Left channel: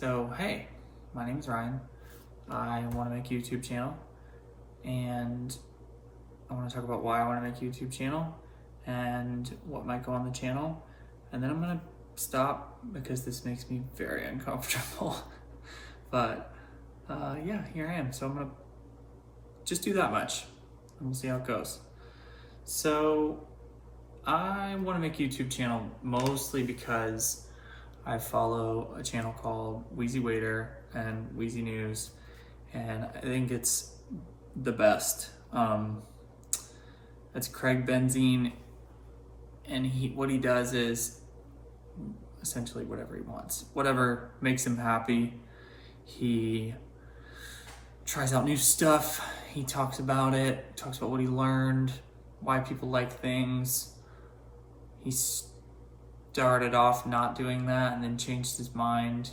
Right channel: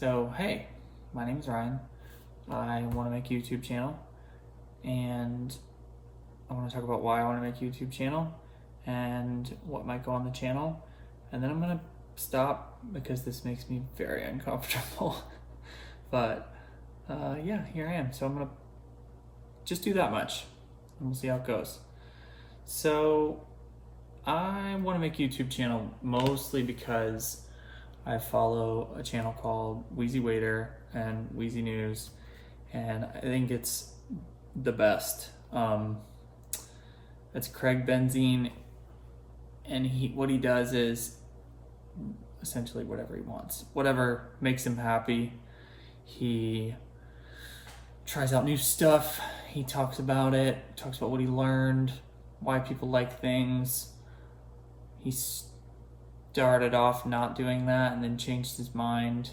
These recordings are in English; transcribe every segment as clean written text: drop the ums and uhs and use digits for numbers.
So, hey, my name's Ryan. I want to make a YouTube channel, and I want to talk about why I want to make a YouTube channel and what might go on the channel. And then I'm going to stop because this makes me very uncomfortable. But yeah, here I am. So I'm going to just do that much, and we'll see how it goes. So I want to make a YouTube channel mostly because I follow a channel called Wheezy Waiter and Wheezy News, and I think it's the best. It's Craig Benzine, and what he does is essentially whatever he wants, whatever makes him happy. He tries out new stuff. He talks about it, talks about what he learned, why people like things. He started off not doing that and then changed his mind.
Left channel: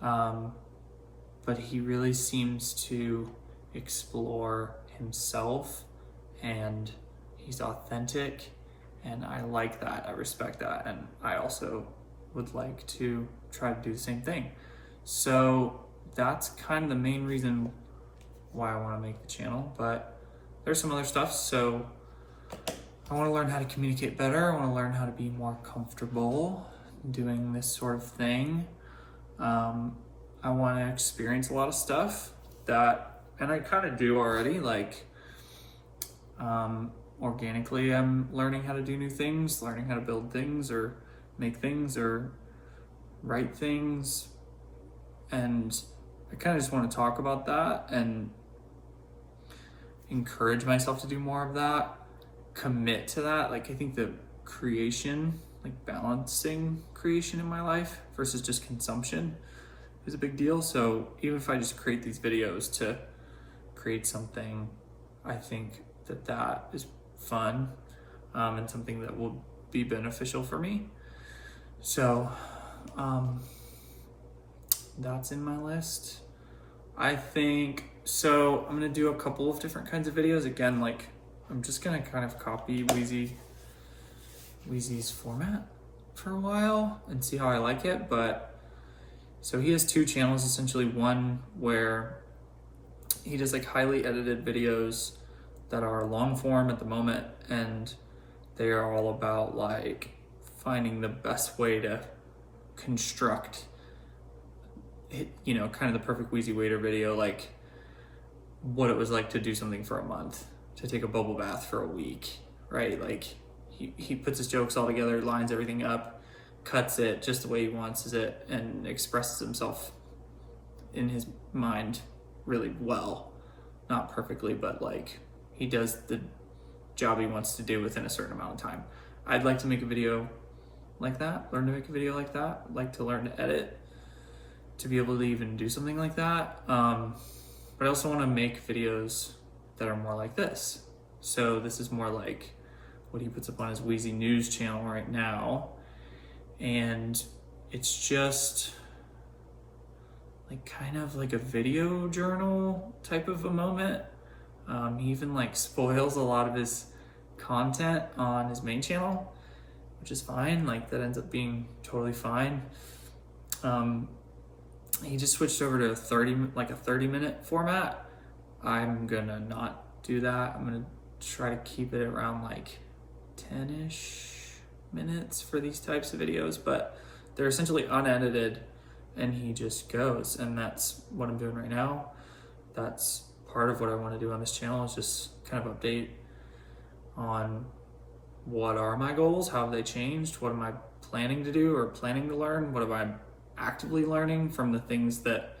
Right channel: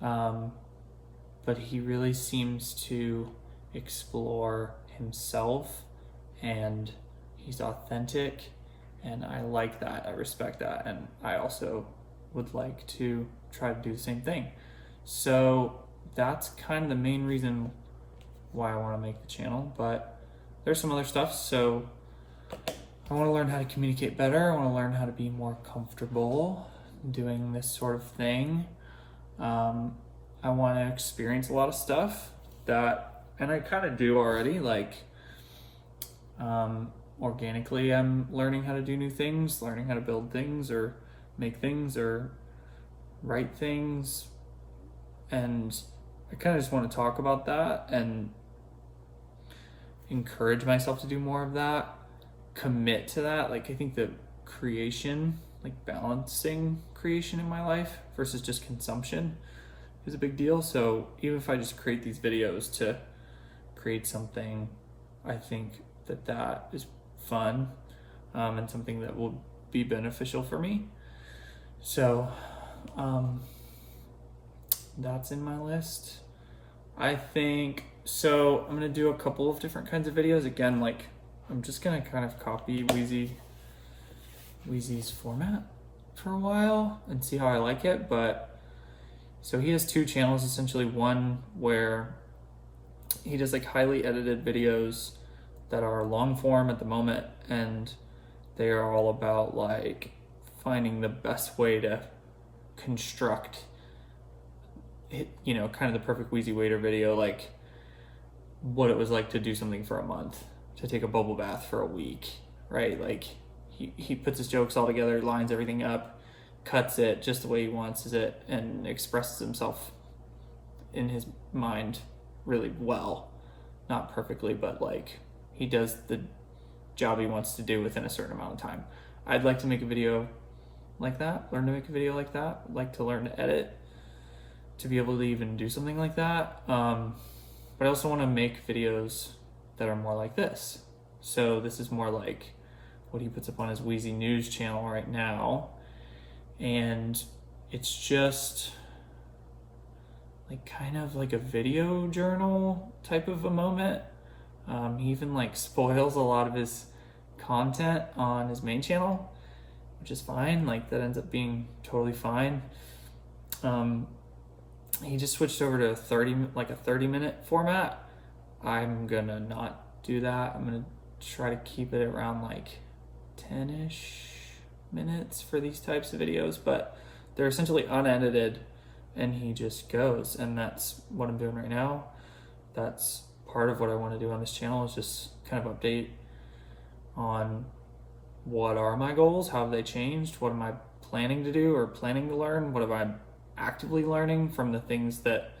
But he really seems to explore himself, and he's authentic, and I like that. I respect that, and I also would like to try to do the same thing. So that's kind of the main reason why I want to make the channel, but there's some other stuff. So I want to learn how to communicate better. I want to learn how to be more comfortable doing this sort of thing. I want to experience a lot of stuff and I kind of do already, like organically I'm learning how to do new things, learning how to build things or make things or write things. And I kind of just want to talk about that and encourage myself to do more of that, commit to that. Like, I think the creation, like balancing creation in my life versus just consumption is a big deal. So even if I just create these videos to create something, I think that is fun, and something that will be beneficial for me. So that's in my list. I think so. I'm gonna do a couple of different kinds of videos. Again, like I'm just gonna kind of copy Wheezy's format for a while and see how I like it. But so he has two channels, essentially. One where he does like highly edited videos that are long form at the moment, and they are all about like finding the best way to construct it, kind of the perfect Wheezy Waiter video, like what it was like to do something for a month, to take a bubble bath for a week, right? Like he puts his jokes all together, lines everything up, cuts it just the way he wants it, and expresses himself in his mind really well. Not perfectly, but like he does the job he wants to do within a certain amount of time. I'd like to make a video like that, learn to make a video like that, like to learn to edit, to be able to even do something like that. But I also want to make videos that are more like this. So this is more like what he puts up on his Wheezy News channel right now. And it's just like kind of like a video journal type of a moment. He even like spoils a lot of his content on his main channel, which is fine. Like that ends up being totally fine. He just switched over to a 30-minute format. I'm gonna not do that. I'm gonna try to keep it around like 10-ish minutes for these types of videos, but they're essentially unedited and he just goes, and that's what I'm doing right now. That's part of what I want to do on this channel, is just kind of update on what are my goals, how have they changed, what am I planning to do or planning to learn, what have I actively learning from the things that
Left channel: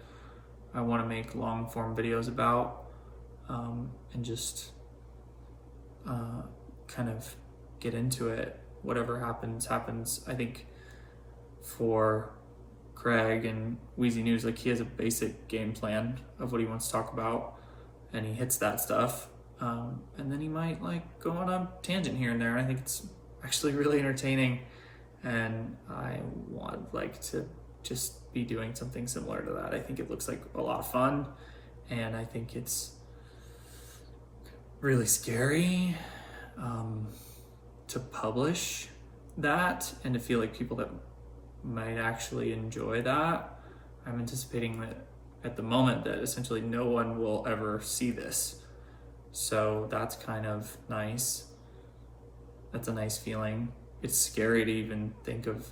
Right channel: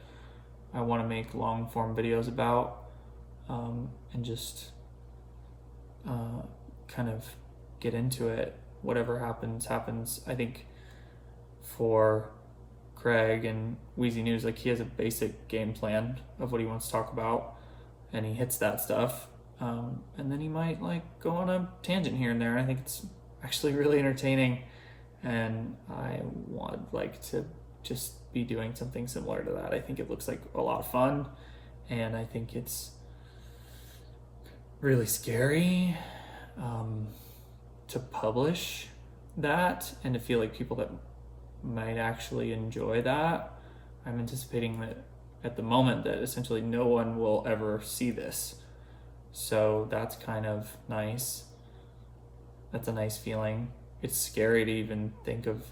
I want to make long form videos about, and just kind of get into it. Whatever happens. I think for Craig and Wheezy News, like he has a basic game plan of what he wants to talk about, and he hits that stuff, and then he might like go on a tangent here and there, and I think it's actually really entertaining, and I want like to just be doing something similar to that. I think it looks like a lot of fun, and I think it's really scary to publish that and to feel like people that might actually enjoy that. I'm anticipating that at the moment that essentially no one will ever see this. So that's kind of nice. That's a nice feeling. It's scary to even think of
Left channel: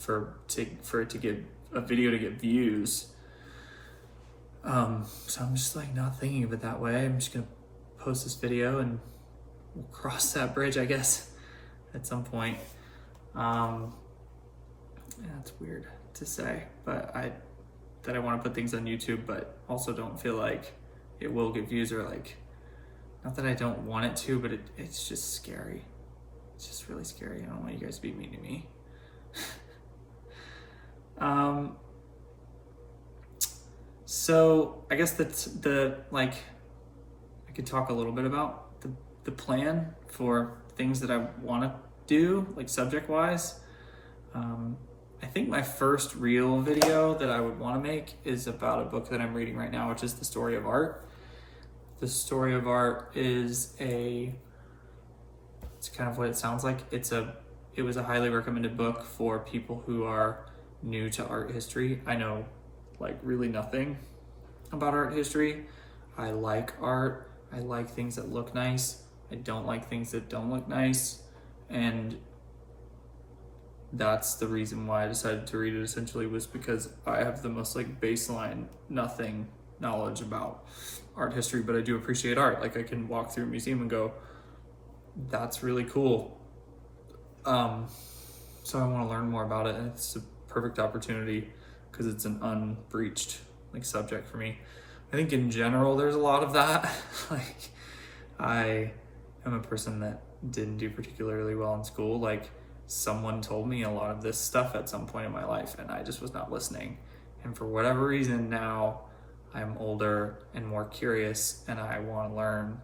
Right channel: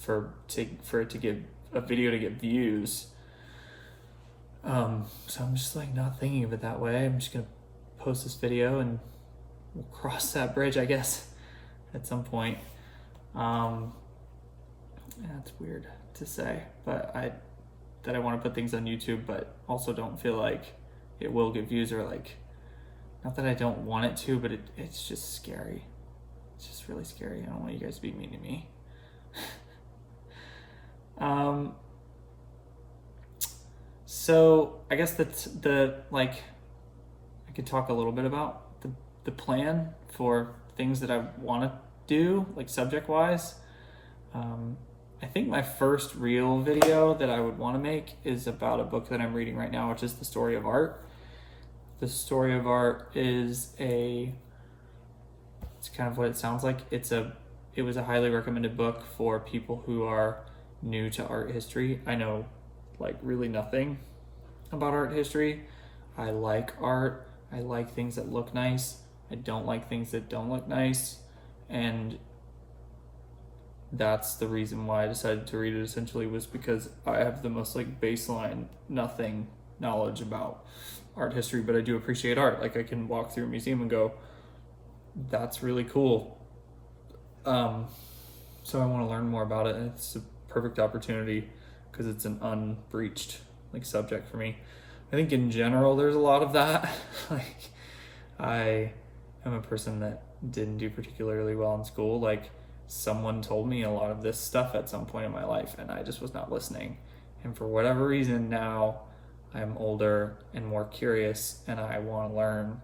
for it to get a video to get views. So I'm just like not thinking of it that way. I'm just gonna post this video and we'll cross that bridge, I guess, at some point. That's weird to say, but I want to put things on YouTube, but also don't feel like it will get views, or like, not that I don't want it to, but it's just scary. It's just really scary. I don't want you guys to be mean to me. So I guess that's I could talk a little bit about the plan for things that I want to do, like subject wise. I think my first real video that I would want to make is about a book that I'm reading right now, which is The Story of Art. The Story of Art is it's kind of what it sounds like. It was a highly recommended book for people who are new to art history. I know like really nothing about art history. I like art. I like things that look nice. I don't like things that don't look nice. And that's the reason why I decided to read it, essentially, was because I have the most like baseline nothing knowledge about art history, but I do appreciate art. Like I can walk through a museum and go, that's really cool. So I want to learn more about it, and it's a perfect opportunity because it's an unbreached like subject for me. I think in general there's a lot of that. Like I am a person that didn't do particularly well in school. Like someone told me a lot of this stuff at some point in my life and I just was not listening. And for whatever reason now I'm older and more curious and I want to learn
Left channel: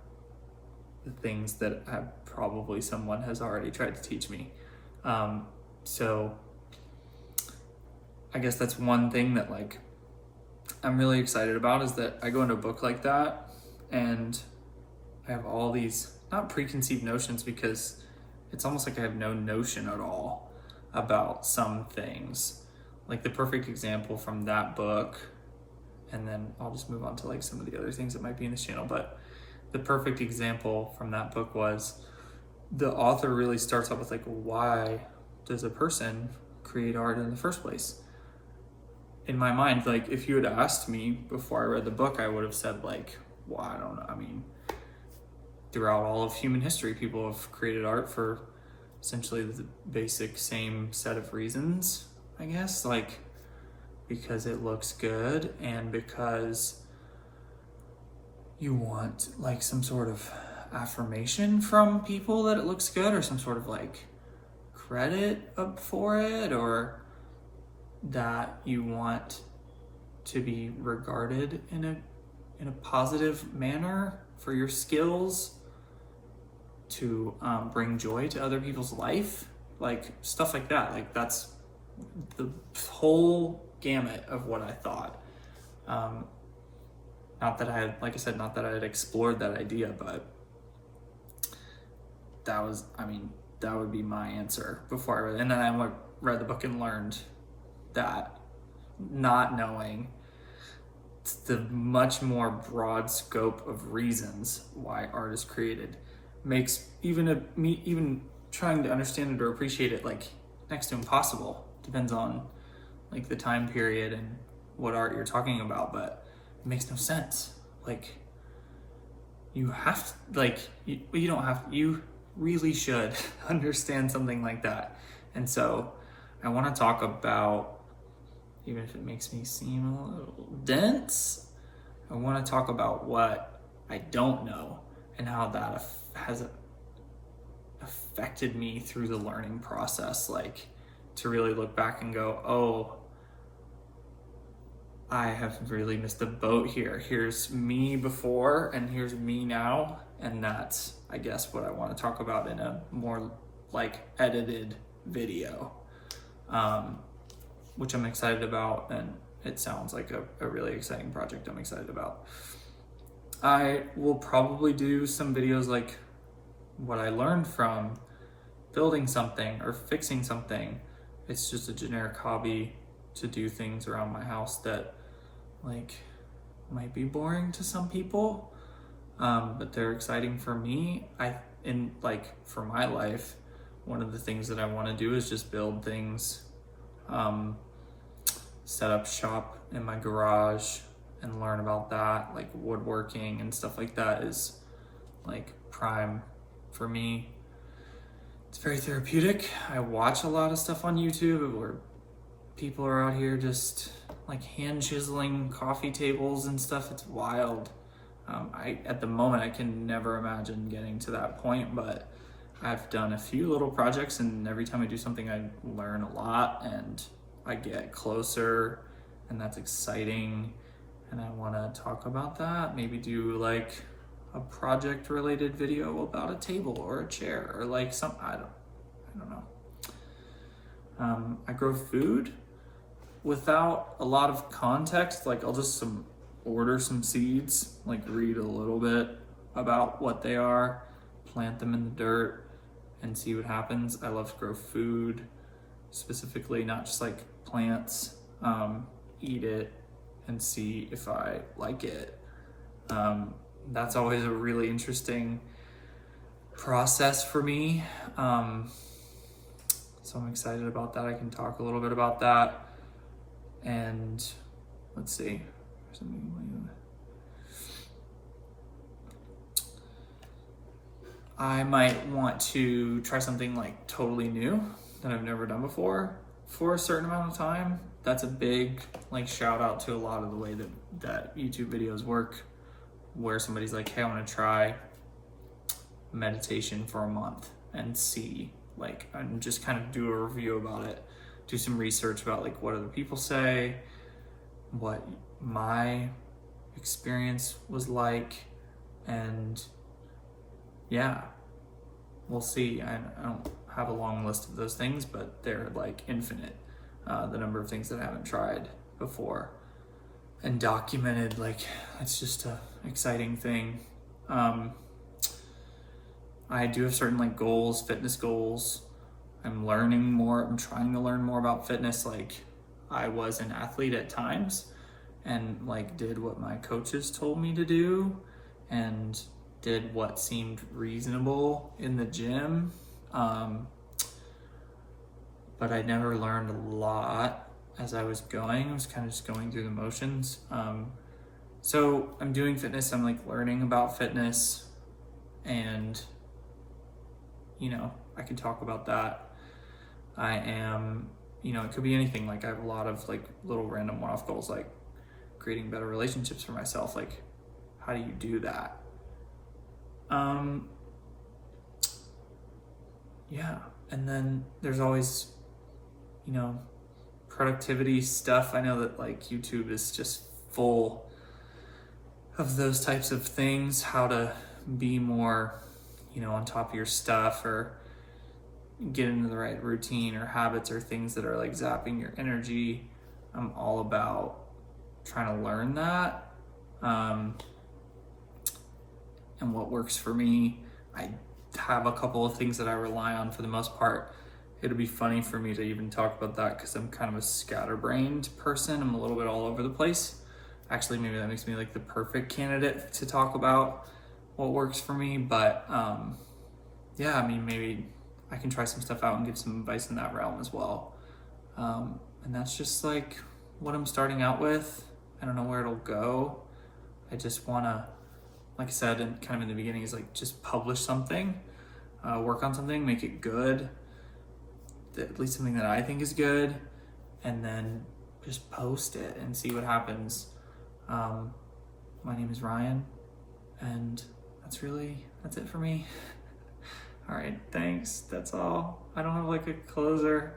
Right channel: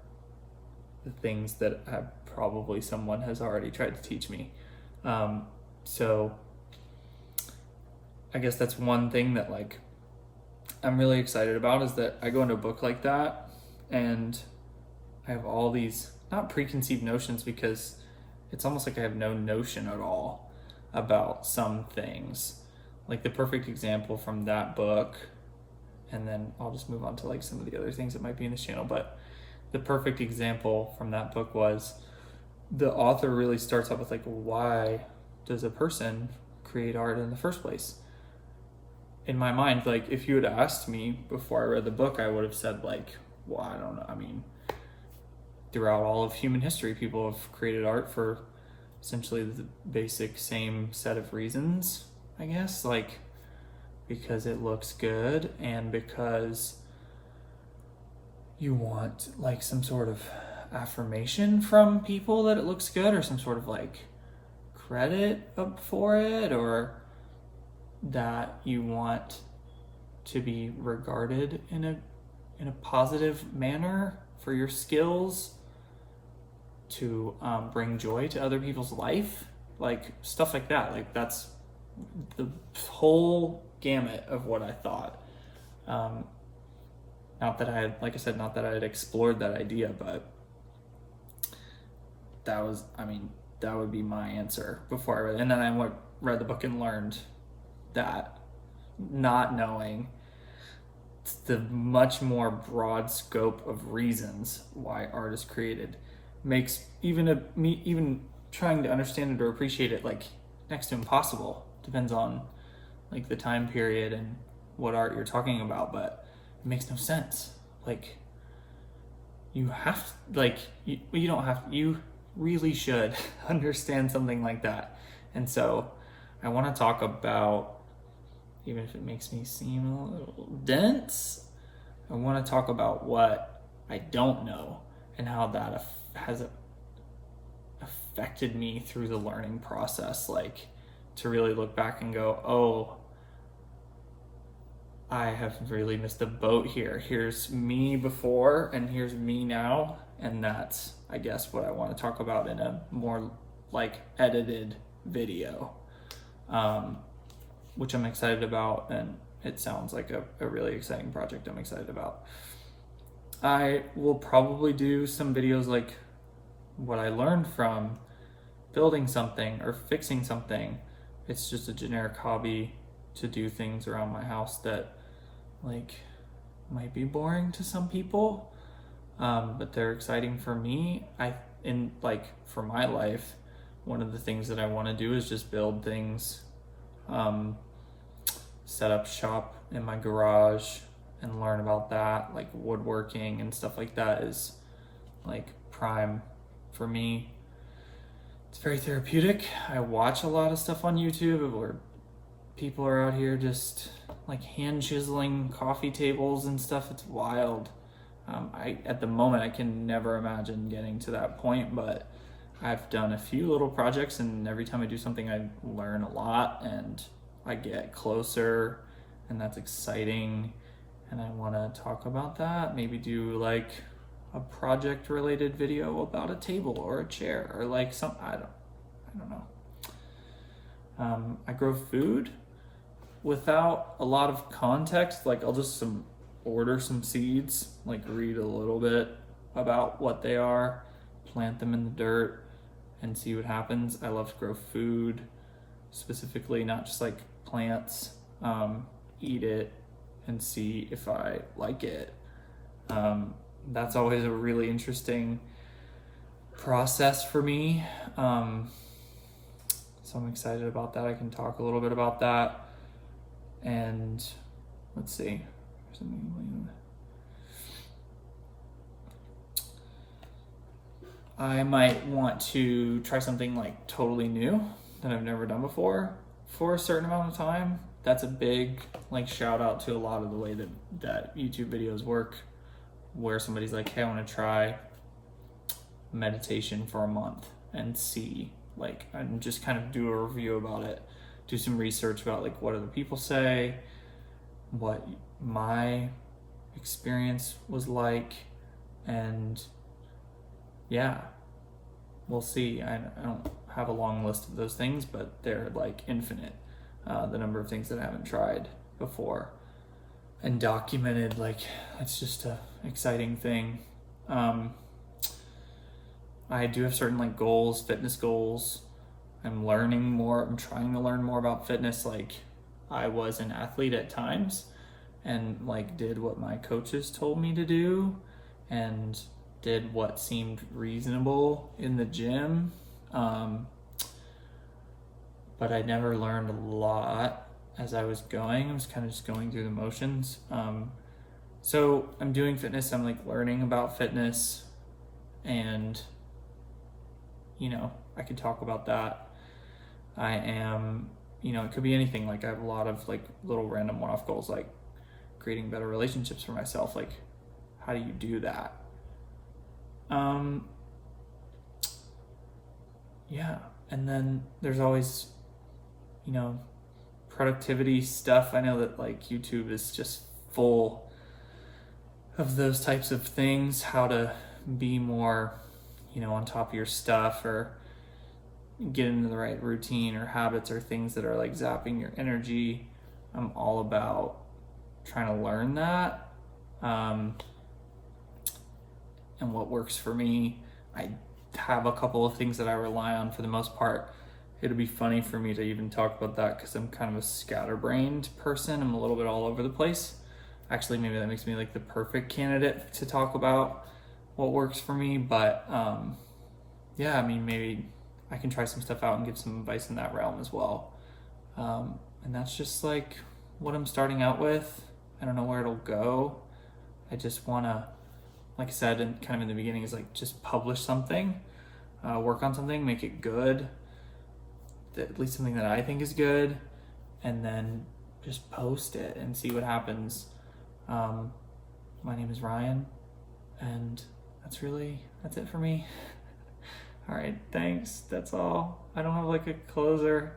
the things that probably someone has already tried to teach me. So I guess that's one thing that like I'm really excited about, is that I go into a book like that and I have all these not preconceived notions, because it's almost like I have no notion at all about some things. Like the perfect example from that book, and then I'll just move on to like some of the other things that might be in this channel, but the perfect example from that book was the author really starts off with like, why does a person create art in the first place? In my mind, like if you had asked me before I read the book, I would have said like, well, I don't know. I mean, throughout all of human history, people have created art for essentially the basic same set of reasons, I guess, like because it looks good and because you want like some sort of affirmation from people that it looks good, or some sort of like credit up for it, or that you want to be regarded in a positive manner for your skills to bring joy to other people's life, like stuff like that. Like that's the whole gamut of what I thought. Not that I had, like I said, not that I had explored that idea, but that would be my answer before I read it. And then I read the book and learned that, not knowing the much more broad scope of reasons why art is created makes even trying to understand it or appreciate it like next to impossible. Depends on like the time period and what art you're talking about, but it makes no sense. Like you have to, like you don't have to, you really should understand something like that. And so I want to talk about, even if it makes me seem a little dense, I want to talk about what I don't know and how that has affected me through the learning process. Like to really look back and go, oh, I have really missed the boat here. Here's me before and here's me now. And that's, I guess, what I want to talk about in a more like edited video, which I'm excited about, and it sounds like a really exciting project I'm excited about. I will probably do some videos like what I learned from building something or fixing something. It's just a generic hobby to do things around my house that like might be boring to some people, but they're exciting for me. For my life, one of the things that I want to do is just build things, set up shop in my garage and learn about that, like woodworking and stuff like that is like prime for me. It's very therapeutic. I watch a lot of stuff on YouTube where people are out here just like hand chiseling coffee tables and stuff. It's wild. At the moment, I can never imagine getting to that point, but I've done a few little projects, and every time I do something, I learn a lot and I get closer, and that's exciting. And I want to talk about that. Maybe do like a project related video about a table or a chair or like some, I don't know. I grow food without a lot of context. Like I'll just order some seeds, like read a little bit about what they are, plant them in the dirt and see what happens. I love to grow food specifically, not just like plants, eat it and see if I like it. That's always a really interesting process for me. So I'm excited about that. I can talk a little bit about that. And let's see. I might want to try something like totally new that I've never done before for a certain amount of time. That's a big like shout out to a lot of the way that YouTube videos work, where somebody's like, hey, I want to try meditation for a month and see, like, and just kind of do a review about it, do some research about like what other people say, what my experience was like, and yeah, we'll see. I don't have a long list of those things, but they're like infinite, the number of things that I haven't tried before and documented. Like, it's just a exciting thing. I do have certain like goals, fitness goals. I'm learning more. I'm trying to learn more about fitness. Like, I was an athlete at times and like did what my coaches told me to do and did what seemed reasonable in the gym. But I never learned a lot as I was going. I was kind of just going through the motions. So I'm doing fitness. I'm like learning about fitness, and I could talk about that. I am, it could be anything. Like, I have a lot of like little random one-off goals, like creating better relationships for myself. Like, how do you do that? Yeah. And then there's always, productivity stuff. I know that like YouTube is just full of those types of things, how to be more, on top of your stuff, or get into the right routine or habits or things that are like zapping your energy. I'm all about trying to learn that, and what works for me. I have a couple of things that I rely on for the most part. It'd be funny for me to even talk about that because I'm kind of a scatterbrained person. I'm a little bit all over the place. Actually, maybe that makes me like the perfect candidate to talk about what works for me. But maybe I can try some stuff out and give some advice in that realm as well. And that's just like what I'm starting out with. I don't know where it'll go. I just want to, like I said, and kind of in the beginning, is like just publish something, work on something, make it good, at least something that I think is good, and then just post it and see what happens. My name is Ryan, and that's it for me. All right, thanks. That's all. I don't have like a closer.